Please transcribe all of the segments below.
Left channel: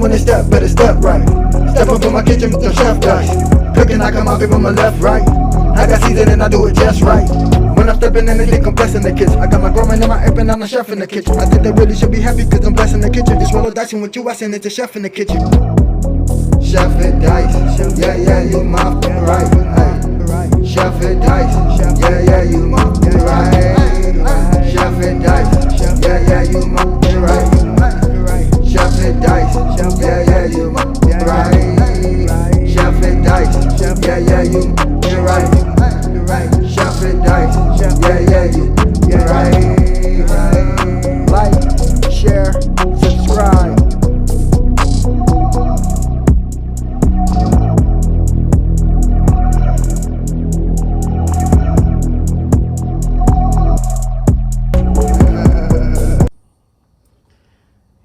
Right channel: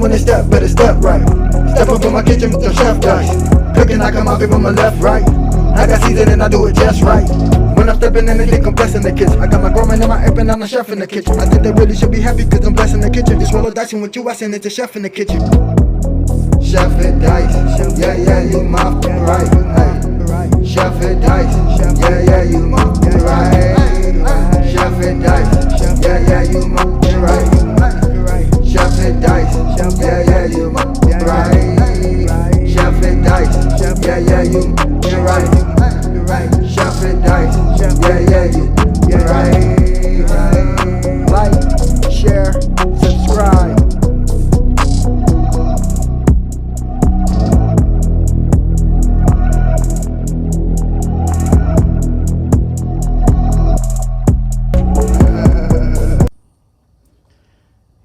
when they step, better step right. Step up in my kitchen with the chef dice. Cooking, I come out from my left, right. I got season and I do it just right. When I'm stepping in, they think I'm blessing the kitchen. I got my grandma and my app and I'm the chef in the kitchen. I think they really should be happy cause I'm blessing the kitchen. Just roll a dice and with you, I send it to chef in the kitchen. Chef it dice, yeah, yeah, you my right. Hey. Chef it dice, yeah, yeah, you my right. Chef it dice, yeah, yeah, you my right. Chef it dice, yeah, yeah, you my right. Chef it dice, yeah, yeah, you right. Chef it dice, yeah, yeah, you right. Like, share, subscribe.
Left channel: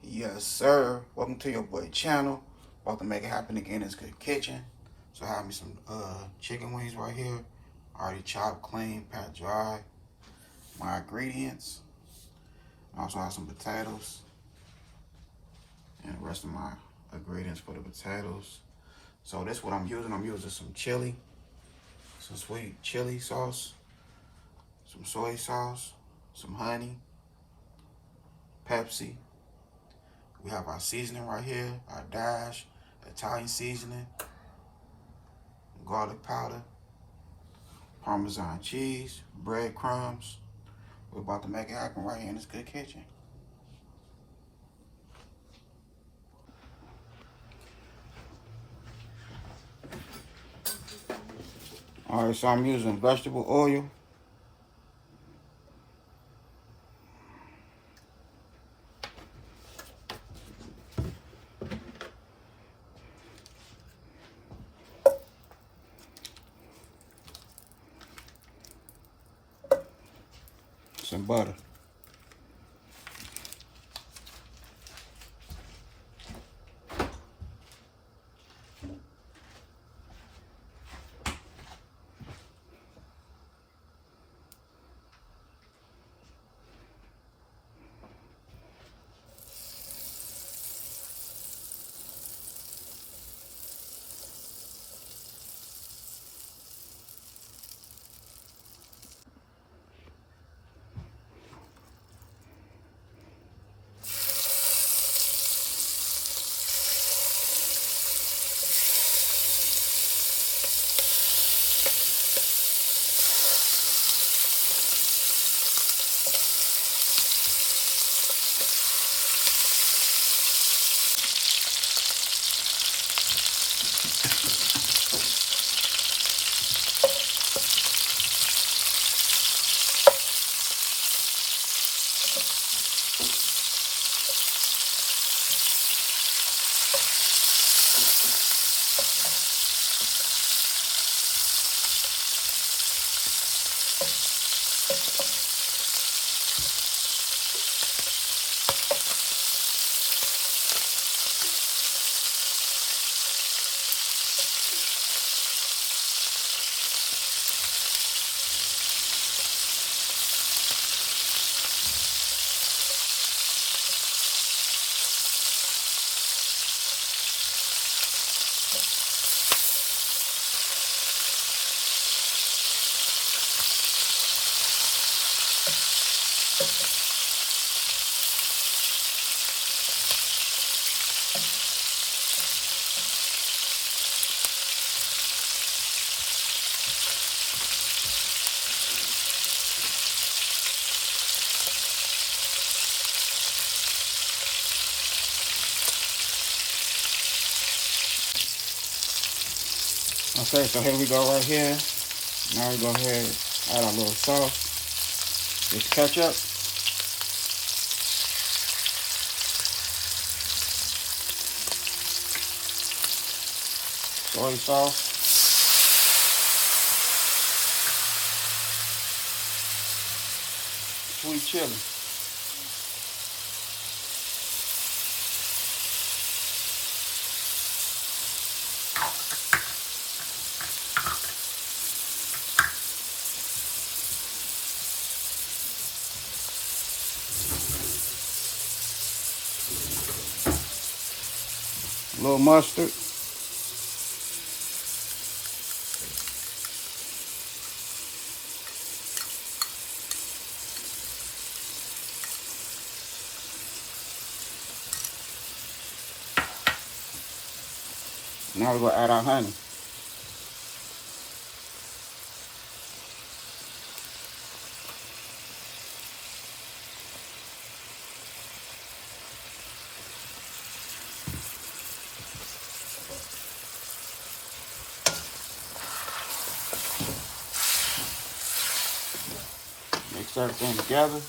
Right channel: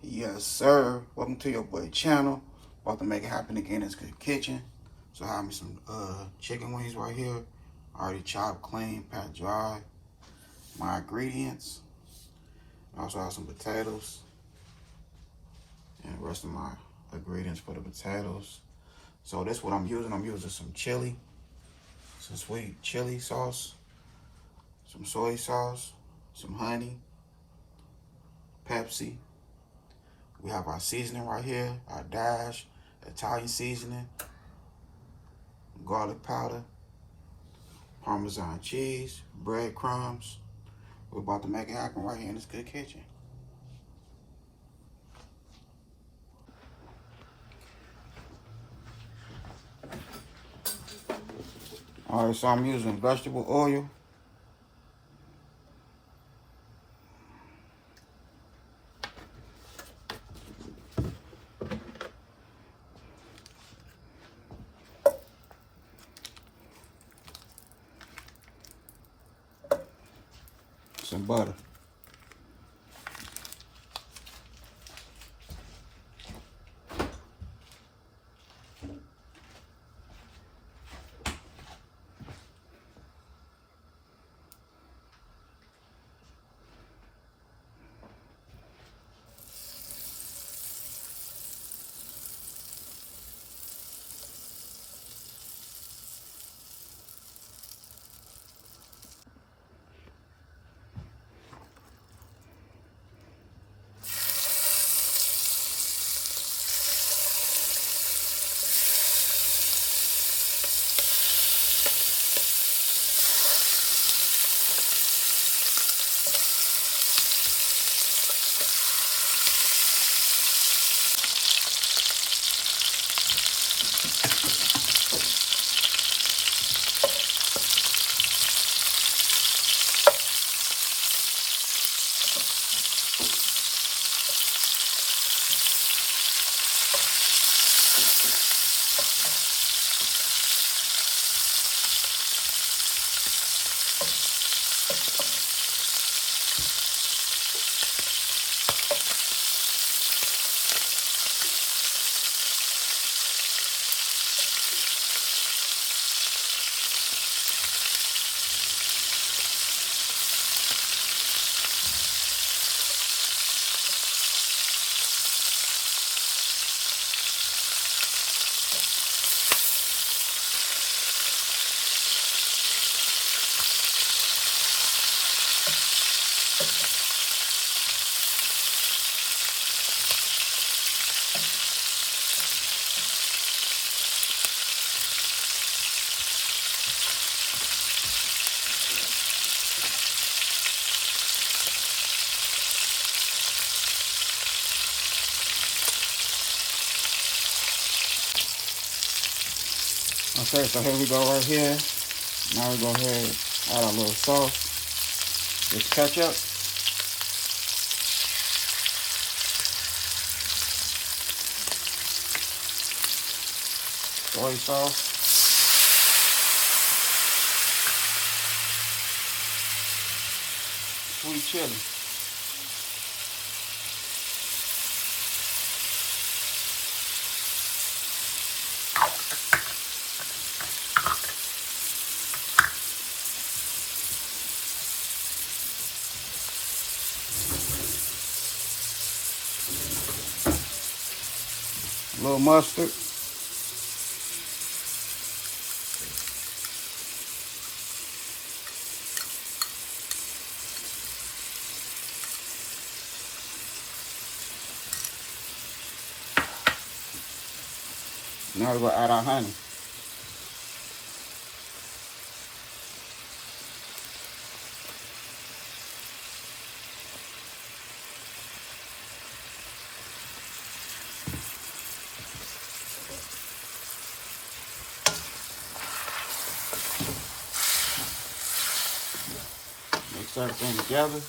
Yes, sir. Welcome to your boy channel. About to make it happen again. It's Good Kitchen. So I have me some chicken wings right here. Already chopped, clean, pat dry. My ingredients. I also have some potatoes. And the rest of my ingredients for the potatoes. So that's what I'm using. I'm using some chili. Some sweet chili sauce. Some soy sauce. Some honey. Pepsi. We have our seasoning right here, our dash, Italian seasoning, garlic powder, Parmesan cheese, breadcrumbs. We're about to make it happen right here in this Good Kitchen. All right, so I'm using vegetable oil. Some butter. Okay, so here we go right here. Now we go ahead and add our little sauce. This ketchup. Soy sauce. Sweet chili. little mustard. Now we're gonna add our honey. Mix everything together.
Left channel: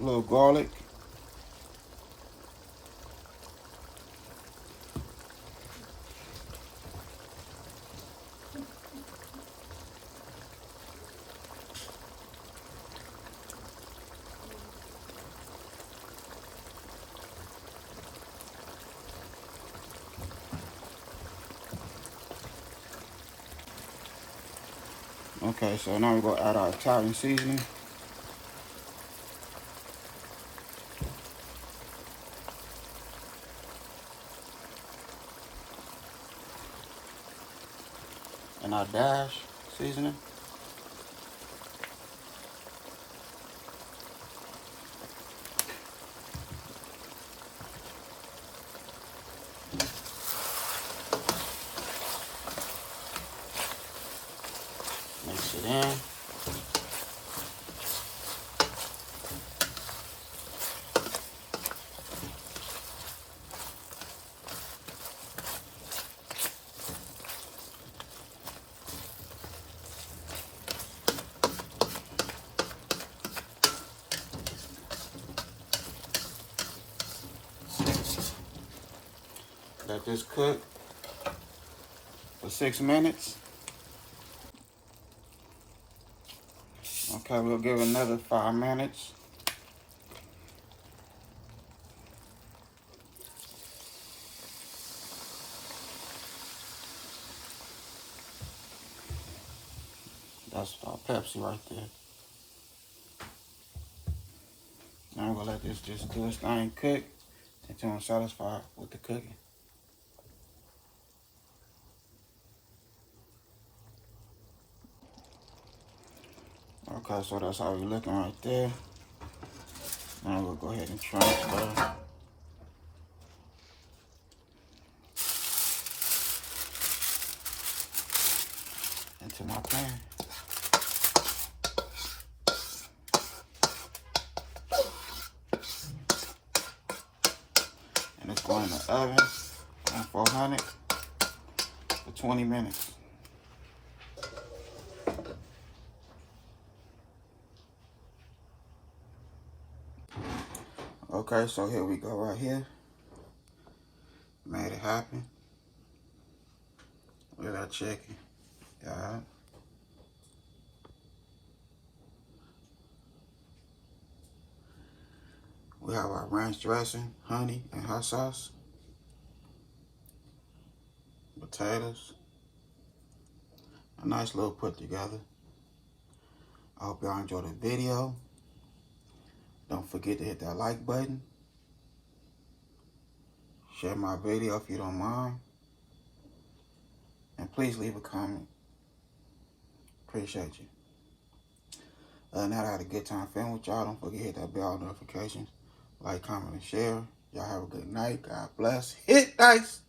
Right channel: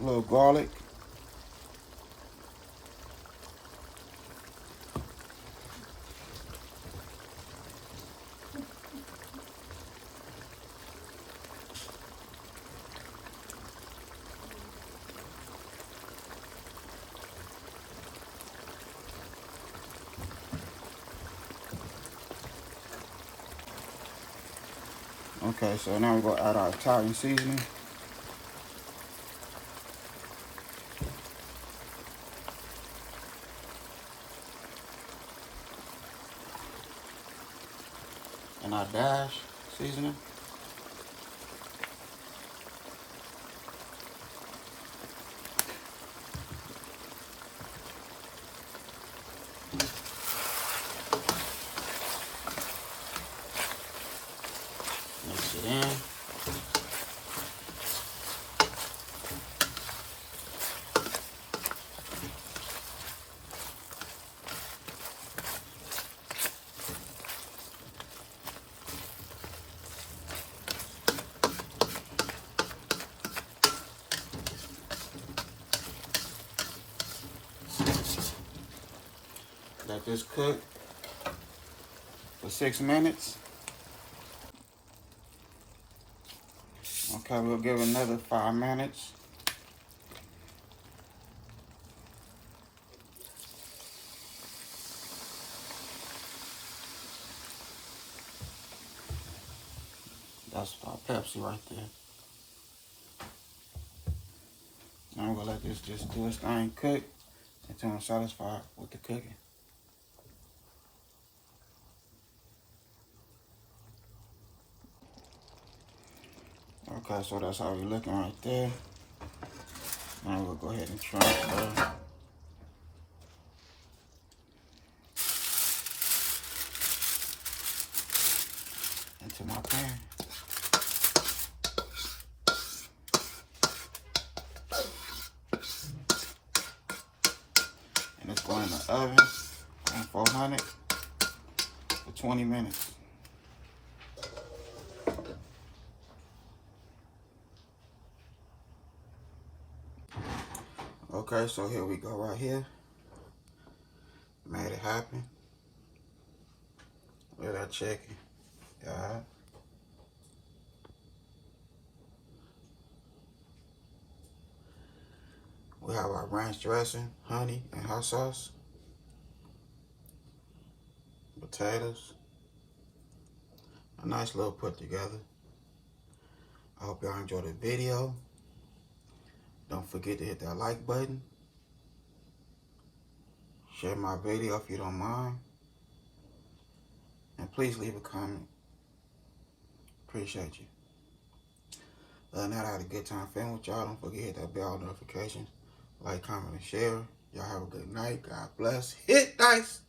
A little garlic. Okay, so now we're gonna add our Italian seasoning. And our dash seasoning. Mix it in. Let this cook for 6 minutes. Okay, we'll give it another 5 minutes. That's our Pepsi right there. Now we're gonna let this just do its thing cook until I'm satisfied with the cooking. Okay, so that's how we're looking right there. Now we'll go ahead and transfer into my pan. And it's going in the oven on 400 for 20 minutes. Okay, so here we go right here. Made it happen. Look at that chicken. God. We have our ranch dressing, honey, and hot sauce. Potatoes. A nice little put together. I hope y'all enjoyed the video. Don't forget to hit that like button. Share my video if you don't mind. And please leave a comment. Appreciate you. Other than that, I had a good time filming with y'all. Don't forget to hit that bell notifications. Like, comment, and share. Y'all have a good night. God bless. Hit dice.